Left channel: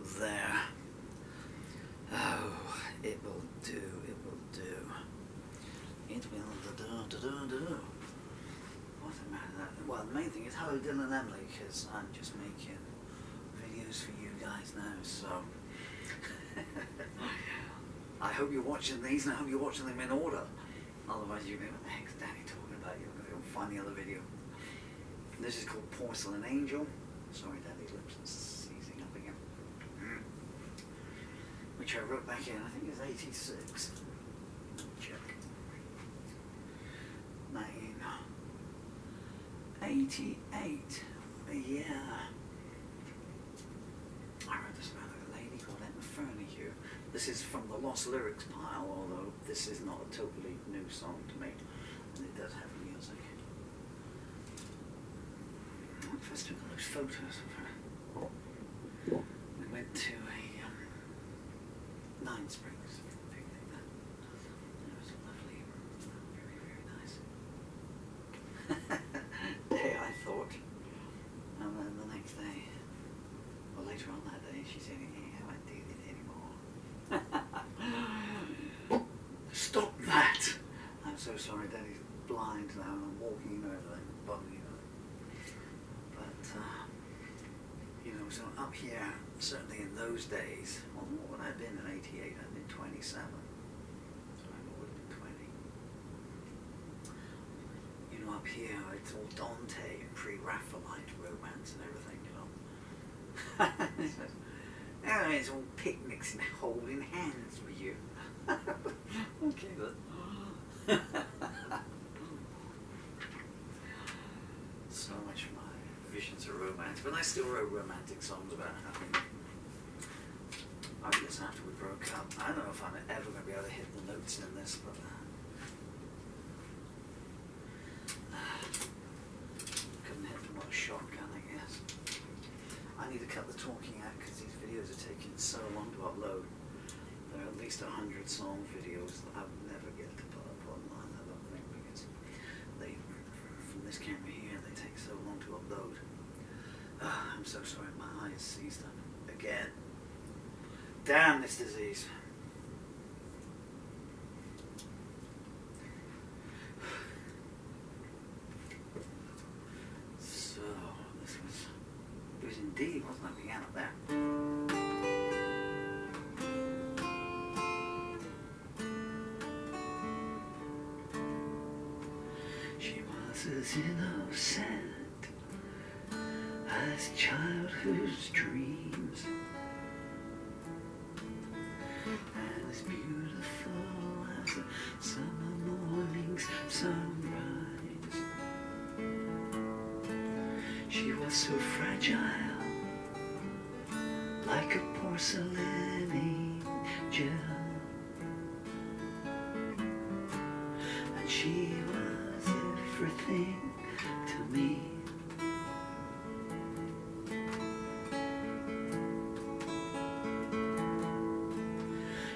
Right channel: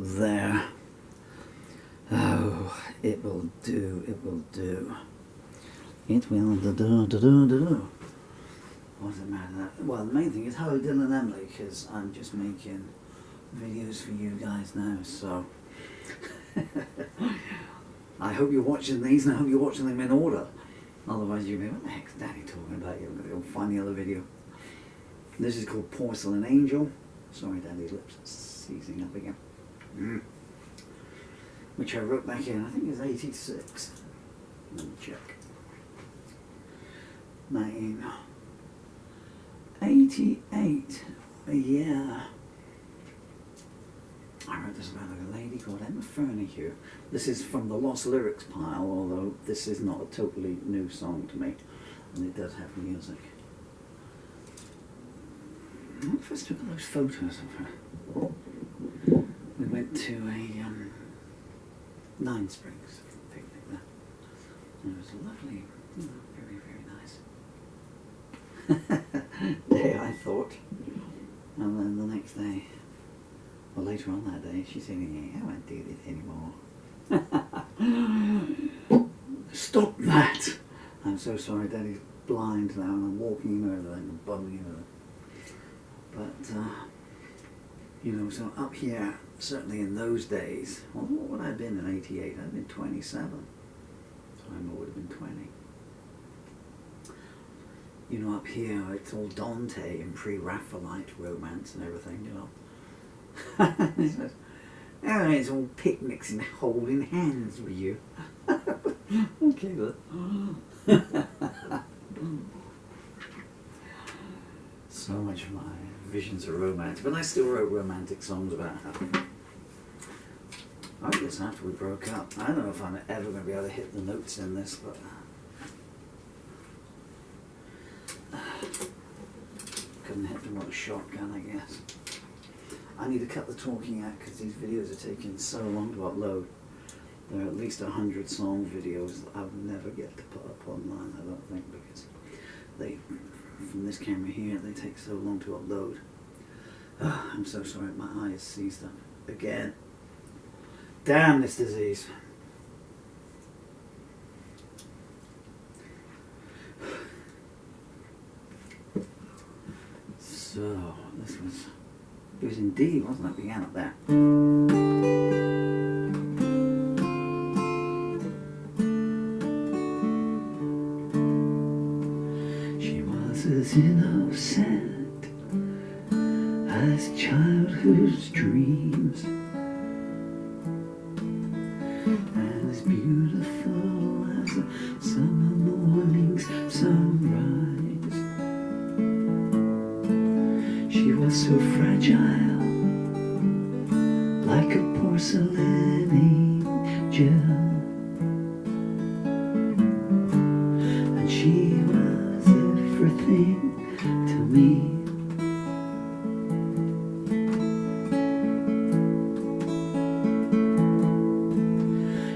there. Oh, it will do, it will do. It will do. What does it matter? Well, the main thing is hello Dylan and Emily, because I'm just making videos for you guys now, so I hope you're watching these and I hope you're watching them in order. Otherwise you'll be like, what the heck's Daddy talking about? You're going to go find the other video. This is called Porcelain Angel. Sorry, Daddy's lips are seizing up again. Which I wrote back in, I think it was 86. Let me check. 1988. Yeah. I wrote this about a lady called Emma Fernahue. This is from the Lost Lyrics pile, although this is not a totally new song to me, and it does have music. When I first took those photos of her, we went to a Nine Springs picnic there. And it was lovely, you know, very, very nice. Day, I thought. And then the next day, well, later on that day, she said, yeah, I won't do this anymore. Stop that! I'm so sorry, Daddy's blind now and I'm walking in over there and bumming into them. But, you know, so up here, certainly in those days, well, what would I have been in 88? I'd have been 27. So I would have been 20. You know, up here, it's all Dante and pre-Raphaelite romance and everything, you know. It's all picnics and holding hands with you. Okay, but so much of my visions of romance, but I still wrote romantic songs about her. I guess after we broke up, I don't know if I'm ever going to be able to hit the notes in this, but couldn't hit them with a shotgun, I guess. I need to cut the talking out because these videos are taking so long to upload. There are at least 100 song videos that I'll never get to put up online, I don't think, because they, from this camera here, they take so long to upload. I'm so sorry, my eyes seized up again. Damn this disease. So, this was, it was indeed, wasn't it? Began up there. She was as innocent as childhood's dreams, and as beautiful as a summer morning's sunrise. She was so fragile, like a porcelain angel, and she was everything to me.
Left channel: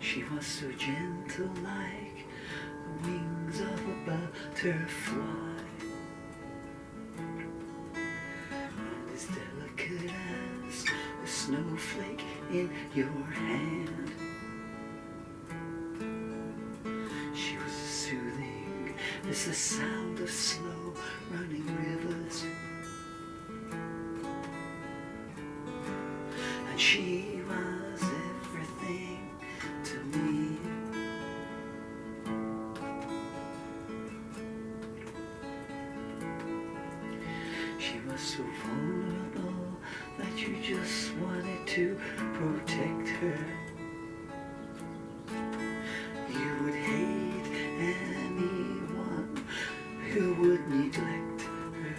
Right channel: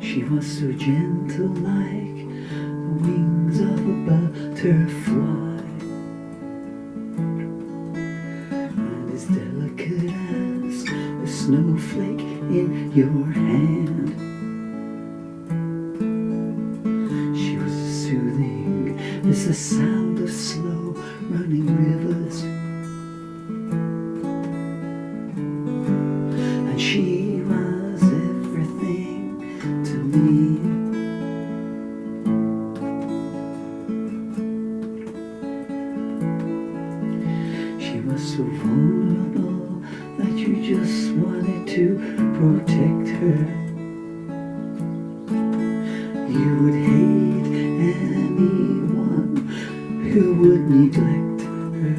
She was so gentle, like the wings of a butterfly, and as delicate as a snowflake in your hand. She was as soothing as the sound of slow running rivers, and she was everything to me. She was so vulnerable that you just wanted to protect her. You would hate anyone who would neglect her.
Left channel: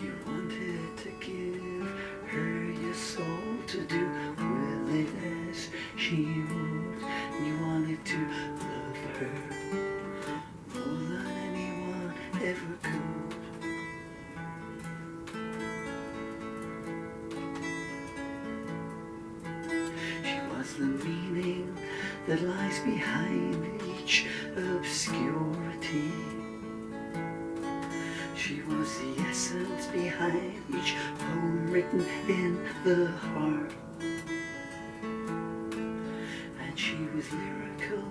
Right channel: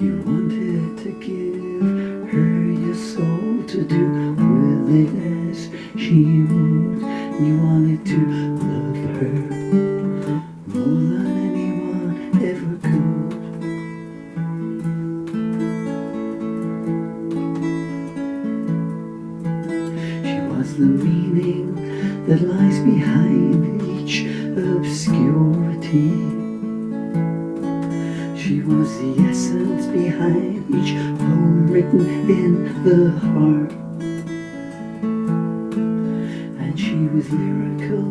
You wanted to give her your soul to do with it as she would. You wanted to love her more than anyone ever could. She was the meaning that lies behind each obscurity. She was the essence behind each home written in the heart. And she was lyrical,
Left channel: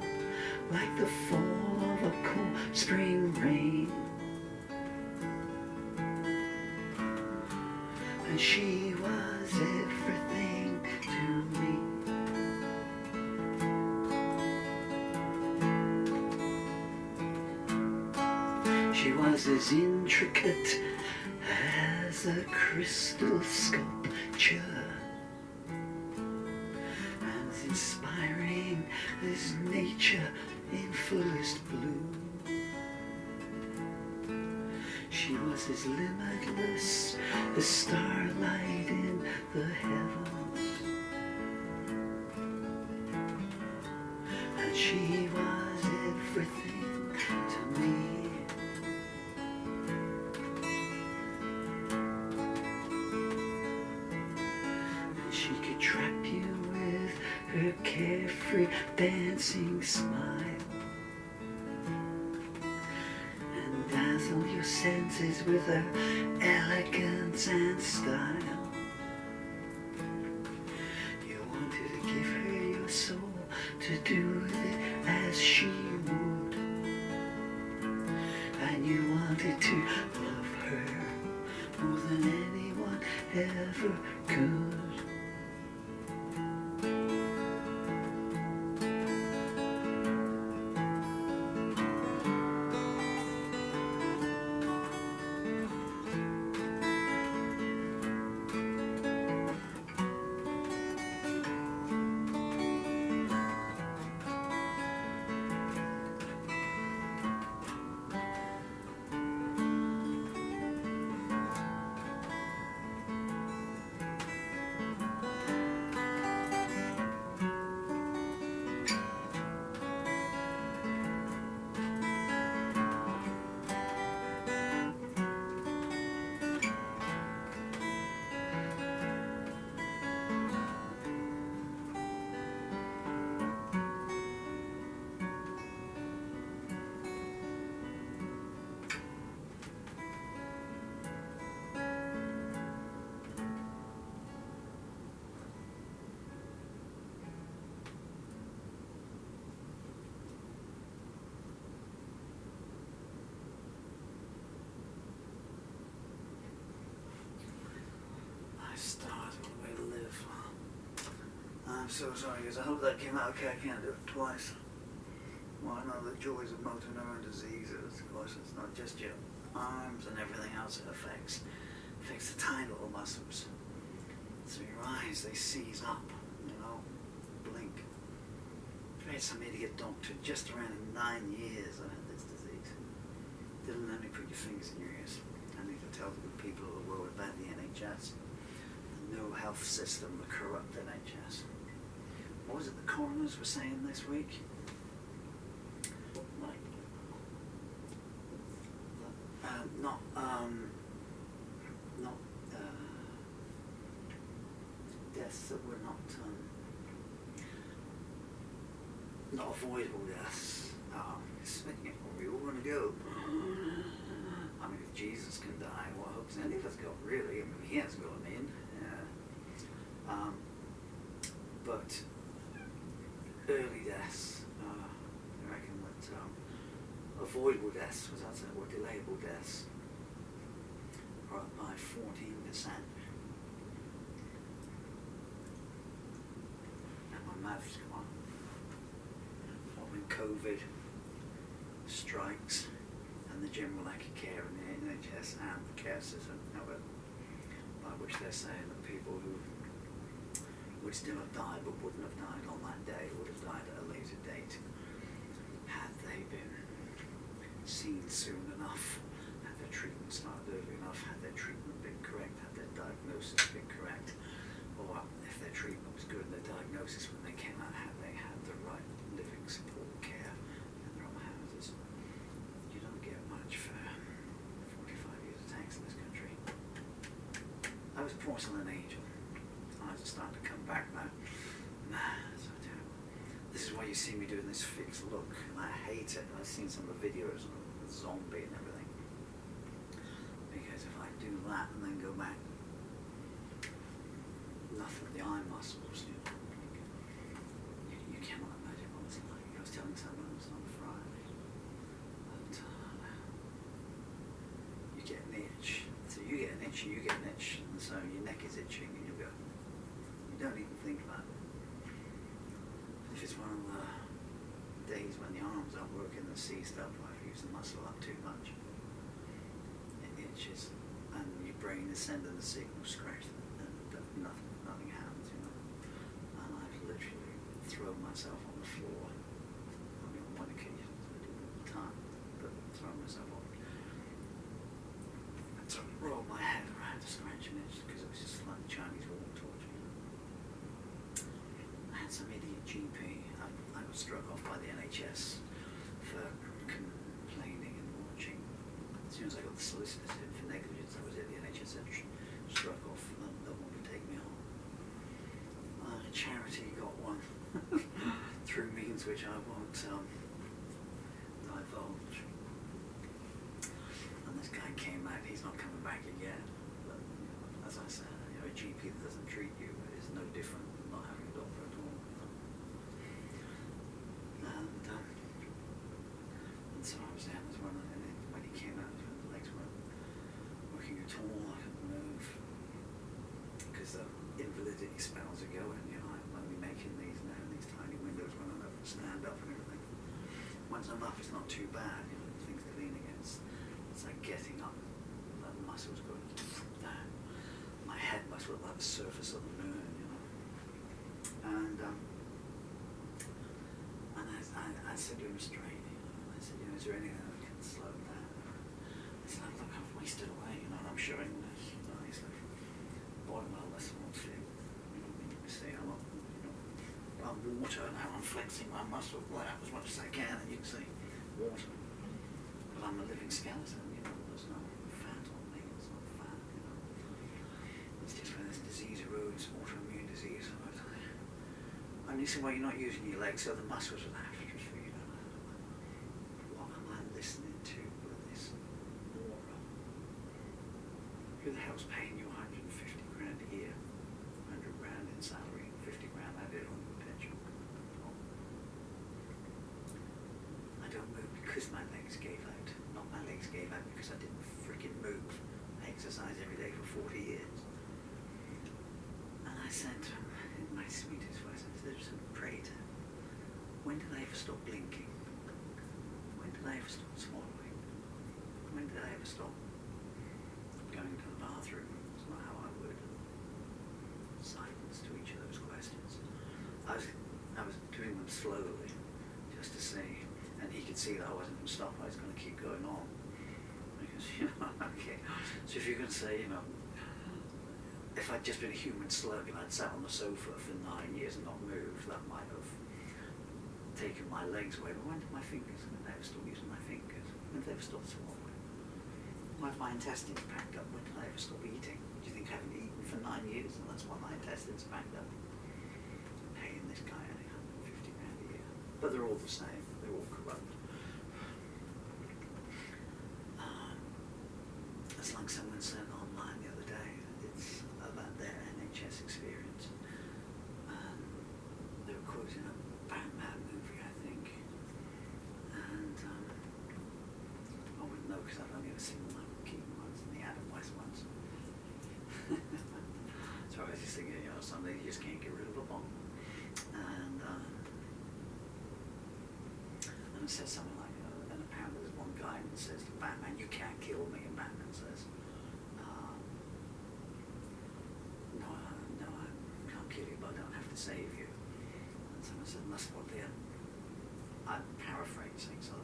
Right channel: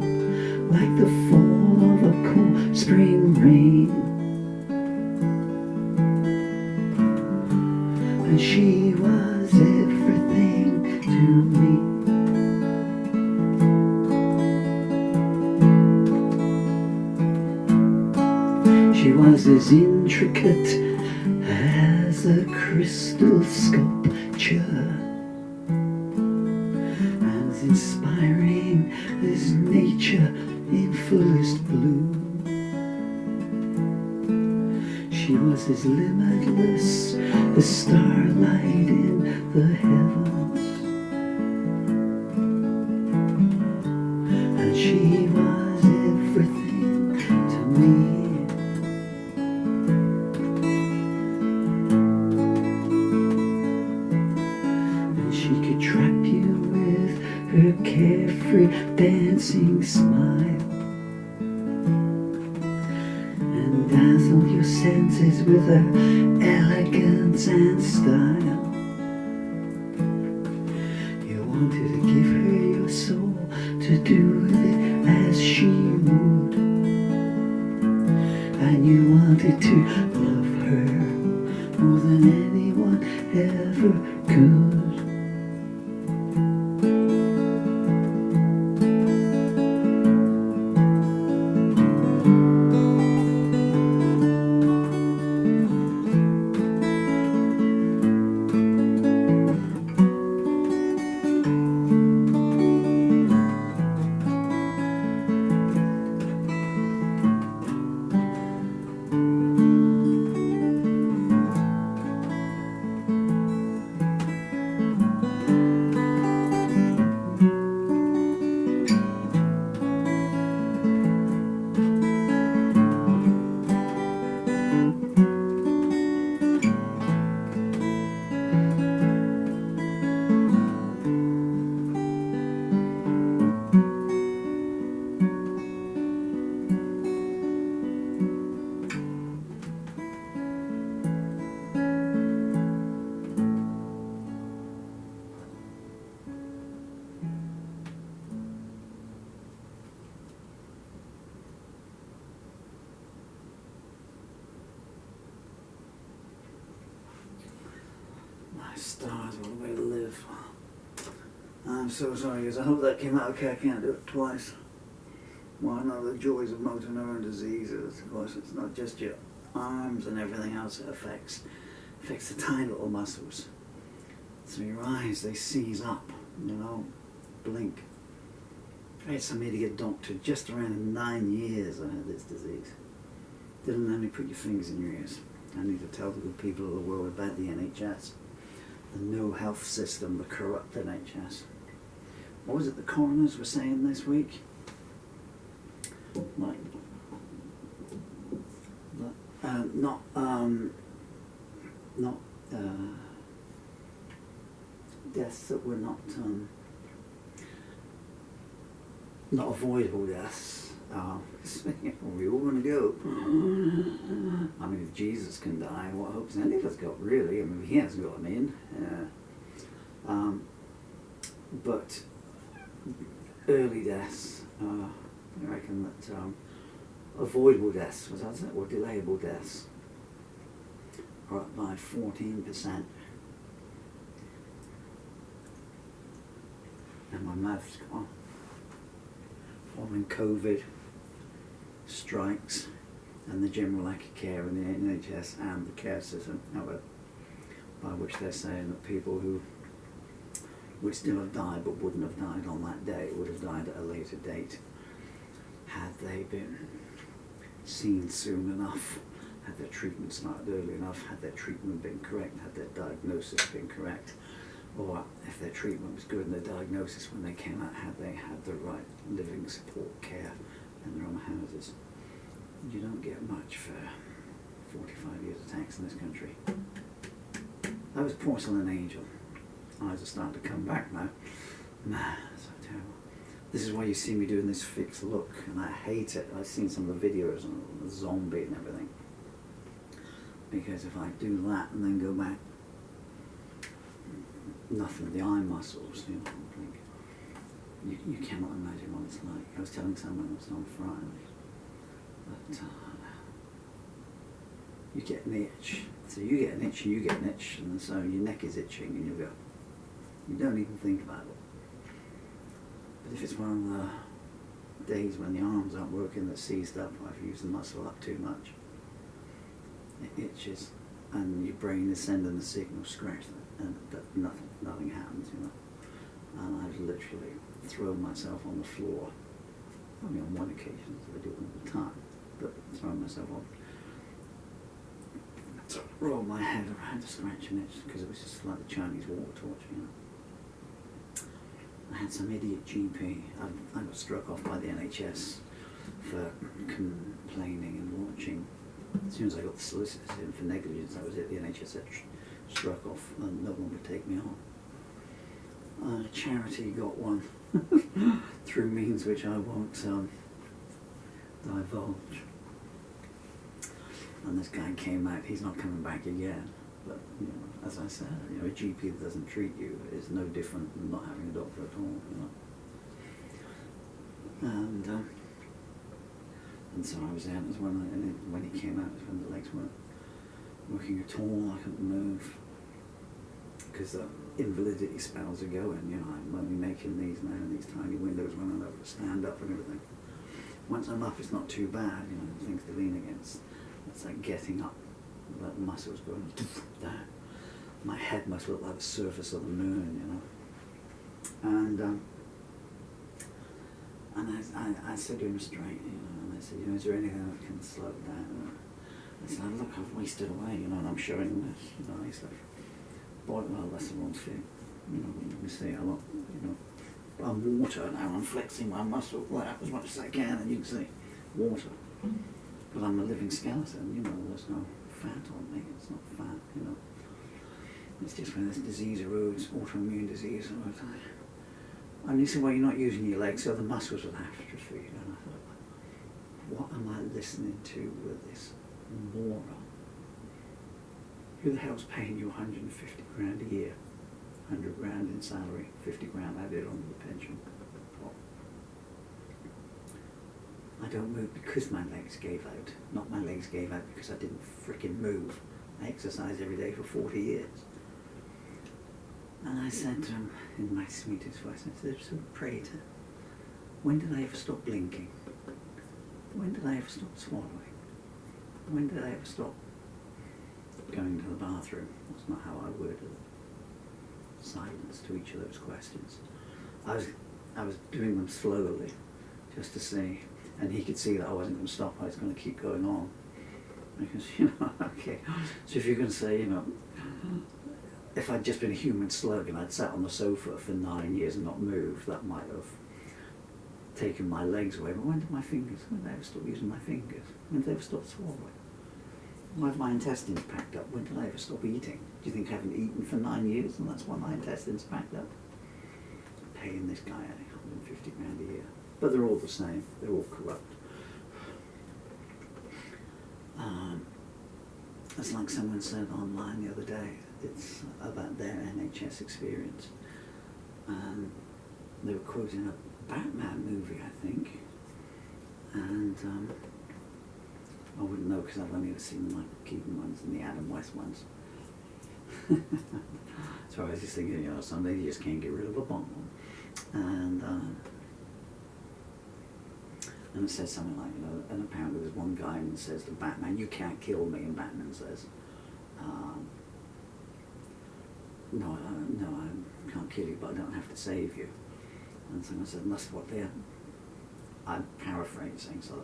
like the fall of a cool spring rain. And she was everything to me. She was as intricate as a crystal sculpture, as inspiring as nature in fullest bloom. She was as limitless as starlight in the heavens, and she was everything to me. She could trap you with her carefree dancing smile, and dazzle your senses with her elegance and style. You wanted to give her your soul, to do with it as she would, and you wanted to love her more than anyone ever could. Stars, what a way to live. I'm so sorry, because I hope that came out okay. I can't do it twice. One of the joys of motor neuron disease is, of course, it's not just your arms and everything else it affects. It affects the tiny little muscles. So your eyes, they seize up, you know, blink. I had some idiot doctor just around 9 years I had this disease. Didn't let me put your fingers in your ears. I need to tell the good people of the world about the NHS. The no health system, the corrupt NHS. What was it the coroners were saying this week? Like, deaths that were not avoidable deaths. We all going to go. I mean, if Jesus can die, what hopes any of us got, really? I mean, he hasn't got them in. But early deaths, I reckon that avoidable deaths, was that it, or delayable deaths, are up by 14%. And my mouth's gone. Following COVID, strikes, and the general lack of care in the NHS and the care system, however, by which they're saying that people who would still have died but wouldn't have died on that day, would have died at a later date, had they been seen soon enough, had their treatment started early enough, had their treatment been correct, had their diagnosis been correct, or if their treatment was good and their diagnosis when they came out, had they had the right living support care in their own houses. You don't get much for 45 years of tax in this country. That was Porcelain Angel. Eyes are starting to come back now. Man, so terrible. This is why you see me doing this fixed look, and I hate it. I've seen some of the videos on the zombie and everything. Because if I do that and then go back, nothing, the eye muscles, you know, like, you cannot imagine what it's like. I was telling someone else on Friday that you get an itch. So you get an itch and you get an itch, and so your neck is itching and you go, you don't even think about it. But if it's one of the days when the arms aren't working, that's seized up, or I've used the muscle up too much, it itches, and your brain is sending the signal, scratch that, and nothing happens, you know. And I've literally thrown myself on the floor, only on one occasion, so I do it all the time, but thrown myself on, roll my head around to scratch an itch, because it was just like the Chinese water torch, you know. I had some idiot GP. I got struck off by the NHS for complaining and watching. As soon as I got the solicitors in for negligence, that was it. The NHS had struck off and no one would take me on. Charity got one through means which I won't divulge. And this guy came out, he's not coming back again. But, you know, as I said, you know, a GP that doesn't treat you is no different than not having a doctor at all, you know. And so I was there, and it was when he came out, it was when the legs weren't working at all. I couldn't move because the invalidity spells are going, you know. I'm only making these now, and these tiny windows when I'm able to stand up and everything. Once I'm up, it's not too bad, you know, things to lean against. It's like getting up. Like the muscles going down. My head must look like the surface of the moon, you know. And I said to him straight, you know, and I said, you know, is there anything that can slow it down? I said, look, I've wasted away, you know, and I'm showing this, you know. He said, well, that's the wrong thing, you know. You see a lot, you know. But I'm water now. I'm flexing my muscle like as much as I can, and you can see water. But I'm a living skeleton, you know. There's no fat on me, it's not fat, you know. It's just when this disease arose, autoimmune disease, and he said, well, you're not using your legs, so the muscles will atrophy. And I thought, what am I listening to with this moron? Who the hell's paying you 150 grand a year? 100 grand in salary, 50 grand added onto the pension. Well, I don't move because my legs gave out. Not my legs gave out because I didn't frickin' move. I exercised every day for 40 years. And I said to him in my sweetest voice, I said, so Prater, when did I ever stop blinking? When did I ever stop swallowing? When did I ever stop going to the bathroom? That's not how I worded it. Silence to each of those questions. I was doing them slowly, just to see. And he could see that I wasn't going to stop, I was going to keep going on. Because, you know, okay, so if you're going to say, you know, if I'd just been a human slug and I'd sat on the sofa for 9 years and not moved, that might have taken my legs away. But when did I ever stop using my fingers? When did I ever stop swallowing? Why have my intestines packed up? When did I ever stop eating? Do you think I haven't eaten for 9 years and that's why my intestines are packed up? Paying this guy 150 grand a year. But they're all the same. They're all corrupt. It's like someone said online the other day. It's about their NHS experience. And they were quoting a Batman movie, I think. And I wouldn't know because I've only ever seen the Michael Keaton ones and the Adam West ones. So I was just thinking, you know, someday you just can't get rid of a bomb. And it says something like, you know, and apparently there's one guy who says to Batman, you can't kill me, and Batman says, no, I can't kill you, but I don't have to save you. And someone said, and that's what they're, I'm paraphrasing, so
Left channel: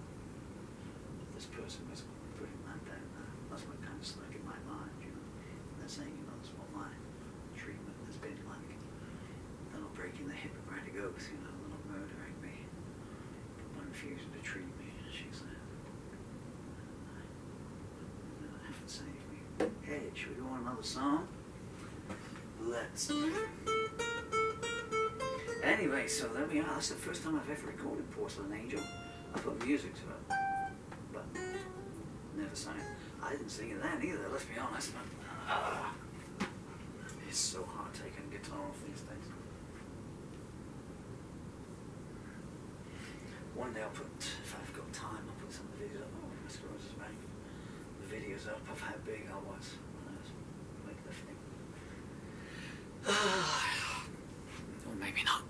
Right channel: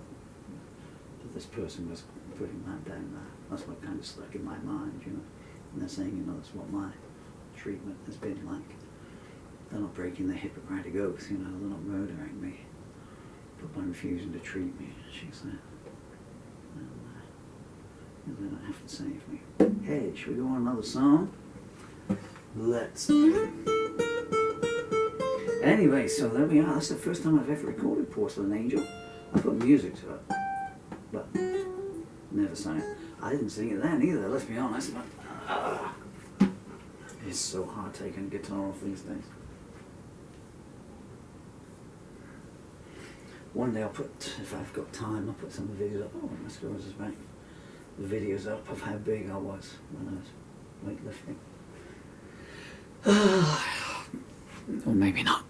that this person was putting that down there. That's what kind of stuck in my mind, you know. And they're saying, you know, that's what my treatment has been like. They're not breaking their Hippocratic oath, you know, they're not murdering me. But by refusing to treat me, she said. And you know, they don't have to save me. Hey, should we go on another song? Let's. Anyway, so there we are. That's the first time I've ever recorded Porcelain Angel. I put music to it, but never sang it. I didn't sing it then either, let's be honest. But, It's so hard taking guitar off these days. One day I'll put, if I've got time, I'll put some of the videos up. Oh, my screws is back. The videos up of how big I was when I was weightlifting. Or maybe not.